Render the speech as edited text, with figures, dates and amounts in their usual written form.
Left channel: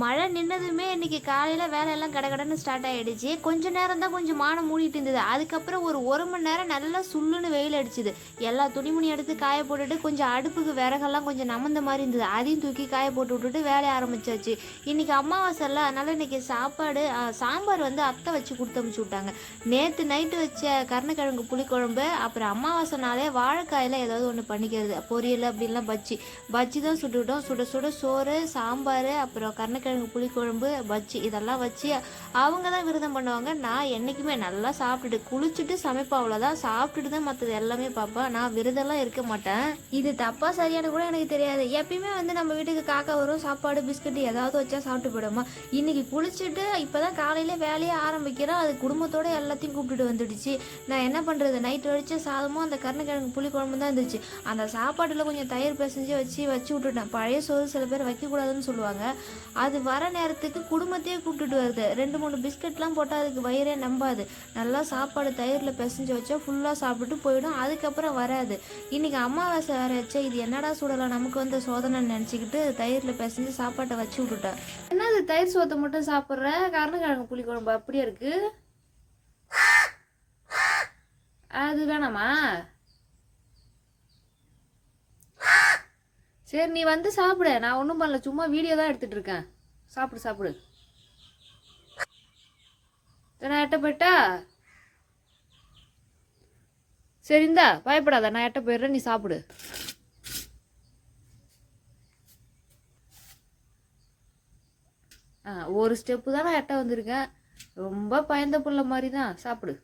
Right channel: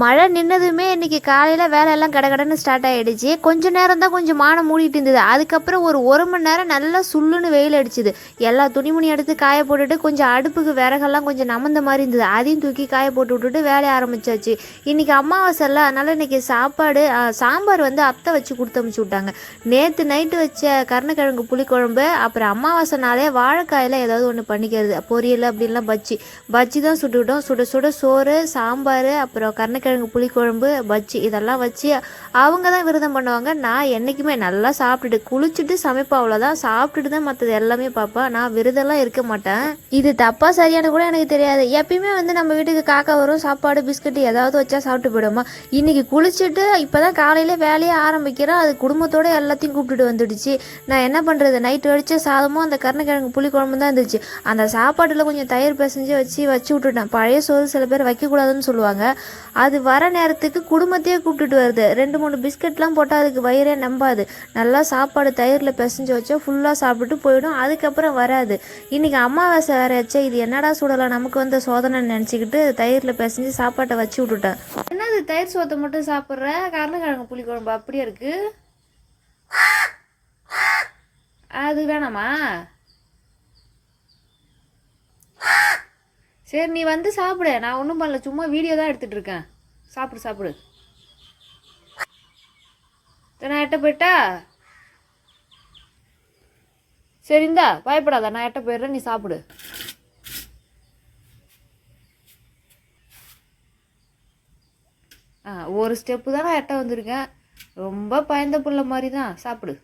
மழை நின்னதுமே இன்றைக்கி காலையில் வேலையெல்லாம் கடகடன்னு ஸ்டார்ட் ஆகிடுச்சு. கொஞ்சம் நேரம் தான் கொஞ்சம் மானம் மூடிட்டு இருந்தது. அதுக்கப்புறம் ஒரு மணி நேரம் நல்லா சுள்ளுன்னு வெயில் அடிச்சுது. எல்லா துணிமணி எடுத்து காய போட்டுட்டு கொஞ்சம் அடுப்புக்கு விறகெல்லாம் கொஞ்சம் நமந்த மாதிரி இருந்தது. அதையும் தூக்கி காய போட்டு விட்டுட்டு வேலையை ஆரம்பிச்சாச்சு. இன்றைக்கி அமாவாசை இல்லை, அதனால் இன்றைக்கி சாப்பாடு சாம்பார் வந்து அத்தை வச்சு கொடுத்து அமுச்சு விட்டாங்க. நேற்று நைட்டு வச்ச கருணக்கிழங்கு புளிக்குழம்பு, அப்புறம் அமாவாசை நாளே வாழைக்காயில் ஏதாவது ஒன்று பண்ணிக்கிறது, பொரியல் அப்படின்லாம் பஜ்ஜி தான் சுட்டுக்கிட்டோம். சுட சுட சோறு, சாம்பார், அப்புறம் கருணக்கிழங்கு புளிக்குழம்பு, பஜ்ஜி இதெல்லாம் வச்சு அவங்க தான் விரதம் பண்ணுவாங்க. நான் என்றைக்குமே நல்லா சாப்பிட்டுட்டு குளிச்சுட்டு சமைப்பேன், அவ்வளோதான். சாப்பிட்டுட்டு தான் மற்றது எல்லாமே பார்ப்பேன். நான் விரதம்லாம் இருக்க மாட்டேன். இது தப்பாக சரியான கூட எனக்கு தெரியாது. எப்பயுமே வந்து நம்ம வீட்டுக்கு காக்கா வரும், சாப்பாடு பிஸ்கட் ஏதாவது வச்சா சாப்பிட்டு போயிடுமா. இன்றைக்கி குளிச்சுட்டு இப்போ தான் காலையில் வேலையே ஆரம்பிக்கிறேன். அது குடும்பத்தோடு எல்லாத்தையும் கூப்பிட்டுட்டு வந்துடுச்சு. நான் என்ன பண்ணுறது, நைட்டு வடித்த சாதமும் அந்த கருணக்கிழங்கு புளிக்குழம்பு தான் இருந்துச்சு. அந்த சாப்பாட்டில் கொஞ்சம் தயிர் பிசைஞ்சு வச்சு விட்டுட்டேன். பழைய சோறு சில பேர் வைக்கக்கூடாதுன்னு சொல்லுவாங்க. அது வர நேரத்துக்கு குடும்பத்தையே கூப்பிட்டுட்டு வருது. 2-3 பிஸ்கட்லாம் போட்டால் அதுக்கு வயிறே நம்பாது. நல்லா சாப்பாடு தயிரில் பிசைஞ்சு வச்சா ஃபுல்லாக சாப்பிட்டு போயிடும். அதுக்கப்புறம் வராது. இன்றைக்கி அமாவாசை வேற ஆச்சு. இது என்னடா சூடலாம் நமக்கு வந்த சோதனைன்னு நினச்சிக்கிட்டு தயிரில் பிசைஞ்சு சாப்பாட்டை வச்சு விட்டுட்டேன். என்னது தயிர் சோத்தை மட்டும் சாப்பிட்ற, கருணக்கிழங்கு புளிக்குழம்பு அப்படியே இருக்குது. அது வேணாமா? சரி, நீ வந்து சாப்பிடு. நான் ஒன்றும் பண்ணல, சும்மா வீடியோ தான் எடுத்துகிட்டு இருக்கேன். சாப்பிடு. நான் எட்ட போயிட்டா? சரிந்தா, பயப்படாத, நான் எட்ட போயிடுறேன், நீ சாப்பிடு. ஒரு ஸ்டெப்பு தான் நான் எட்ட வந்திருக்கேன். ரொம்ப பயந்த புள்ள மாதிரி தான். சாப்பிடு.